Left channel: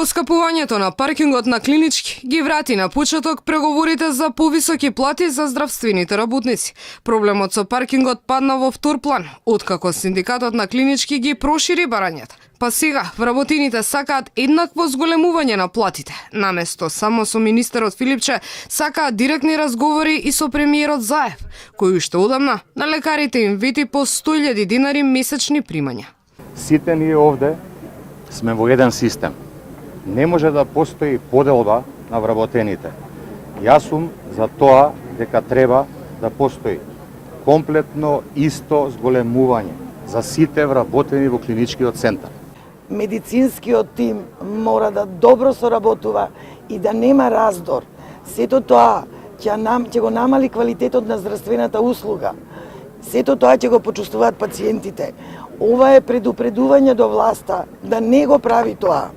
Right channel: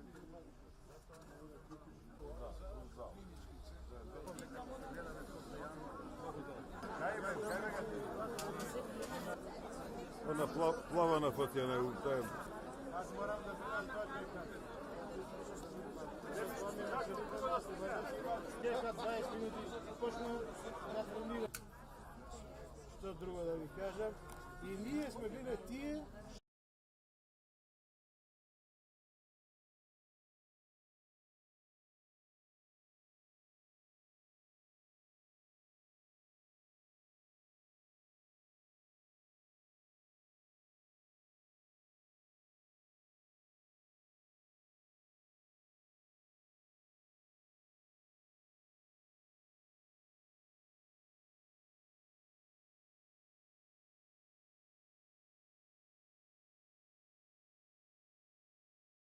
Поскапувањето на паркингот на Клинички ги врати на почеток преговорите за повисоки плати за здравствените работници. Проблемот со паркингот падна во втор план, откако синдикатот на Клинички ги прошири барањата. Па сега вработените сакаат еднакво зголемување на платите. Наместо само со министерот Филипче, сакаат директни разговори и со премиерот Заев, кој уште одамна на лекарите им вети по 100.000 динари месечни примања. Сите ние овде сме во еден систем. Не може да постои поделба на вработените. Јас сум за тоа дека треба да постои комплетно исто зголемување за сите вработени во клиничкиот центар. Медицинскиот тим мора да добро соработува и да нема раздор. Сето тоа ќе го намали квалитетот на здравствената услуга. Сето тоа ќе го почувствуваат пациентите. Ова е предупредување до власта да не го прави тоа.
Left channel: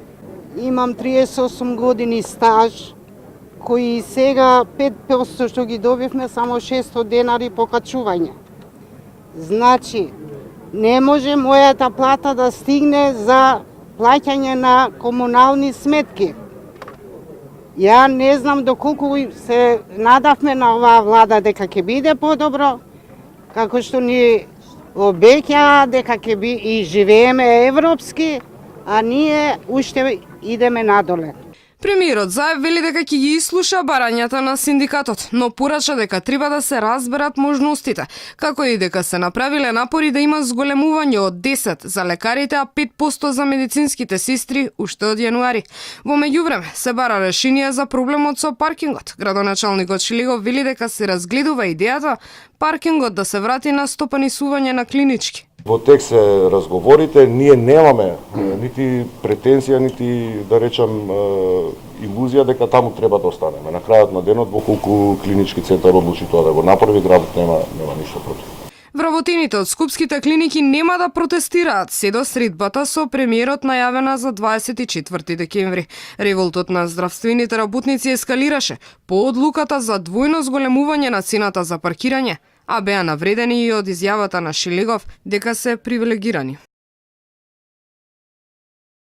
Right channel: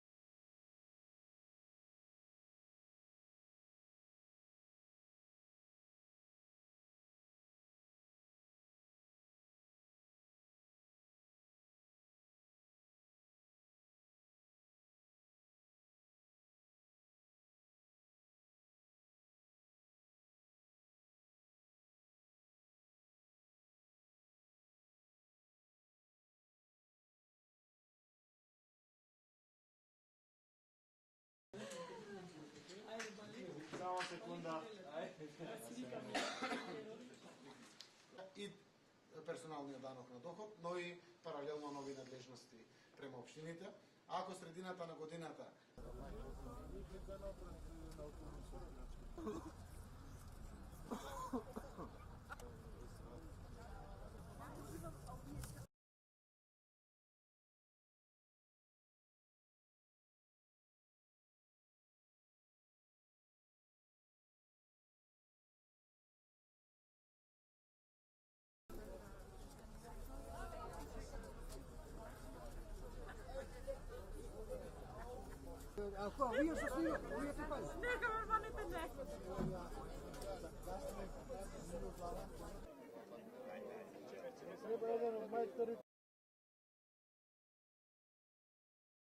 Имам 38 години стаж, кои сега 5% што ги добивме само 600 денари покачување. Значи, не може мојата плата да стигне за плаќање на комунални сметки. Ја не знам доколку се надавме на оваа влада дека ќе биде подобро, како што ни обеќаа дека ќе би и живееме европски, а ние уште идеме надоле. Премиерот Заев вели дека ќе ги ислуша барањата на синдикатот, но порача дека треба да се разберат можностите, како и дека се направиле напори да има зголемување од 10 за лекарите, а 5% за медицинските сестри уште од јануари. Во меѓувреме се бара решение за проблемот со паркингот. Градоначалникот Шилегов вели дека се разгледува идејата паркингот да се врати на стопанисување на Клинички. Во тек се разговорите, ние немаме нити претензија, нити да речам илузија дека таму треба да останеме. На крајот на денот, во колку клинички центар одлучи тоа да го направи, градот нема ништо против. Вработените од скупските клиники нема да протестираат се до средбата со премиерот најавена за 24 декември. Револтот на здравствените работници ескалираше по одлуката за двојно зголемување на цената за паркирање, а беа навредени и од изјавата на Шилегов дека се привилегирани.